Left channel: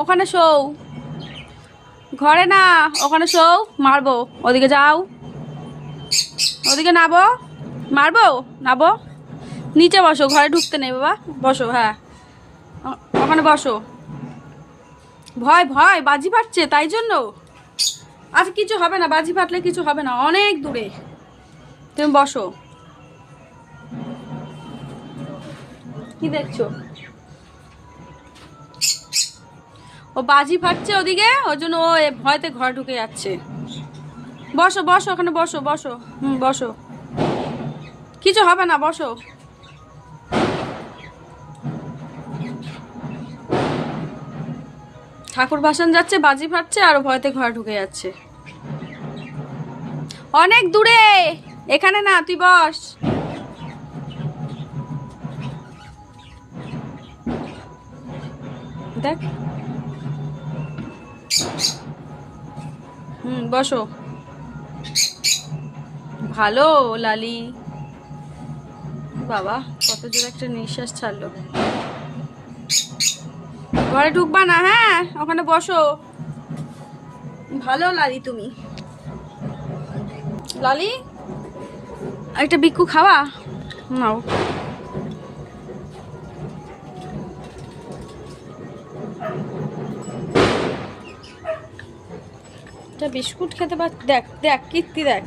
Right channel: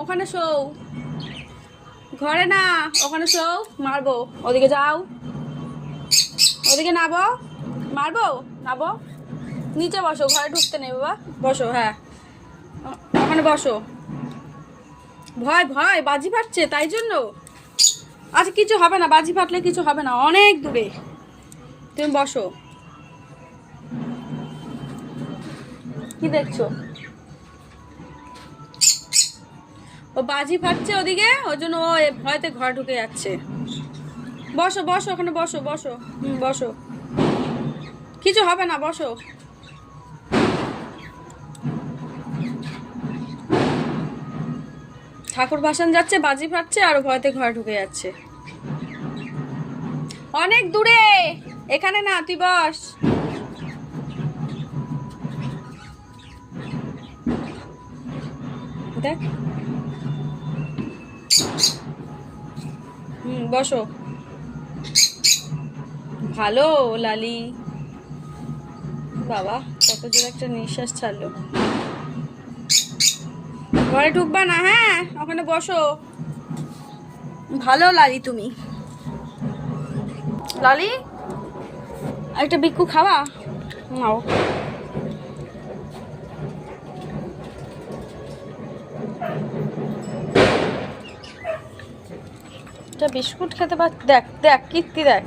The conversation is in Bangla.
ওখানে শোও, ঘরে না, ওখানে শোও, মারবো। ওদিকে যাও, ওদিকে নাবো, মারবো, নাবো। নিচে বসো, ঘরে ঢুকতে নেই বাবা, বসো। হ্যাঁ, ওখানে বসো। ভয় ভয়, বাজি ফাটছে তাই জন্য। আচ্ছা কিছু হবে না, বাজি ফাটলে কিছু হবে না, অনেক দূরে। তুমি বসো। কি দেখছো? ও বাজি ফাটছে ওদিকে, ওই জন্য ও ভয়তে ঘরে ঢুকে যাচ্ছে। বসো বসো, ওখানে বসো, বসো। বসো, কিছু হবে না, বসো। ঠাকুর ভাসান যাচ্ছে, বাজি ফাটছে, আর ভয়তে ঘরে ঢুকে যাচ্ছে। অনেক দূরে, এখানে না, তুই বস। দেখ, বসো। ভালো লালি। বাবা, কত জোর একটা নিঃশ্বাস ছাড়লো। ঘরে ঢুকবা না, হ্যাঁ, ওখানে বসো। ভালো লালি তুমি। লালি, একটা বিক্কু খাওয়া নাও। বিস্কুট খেতে পার, দেখ দেখ কীর্তি দেখ।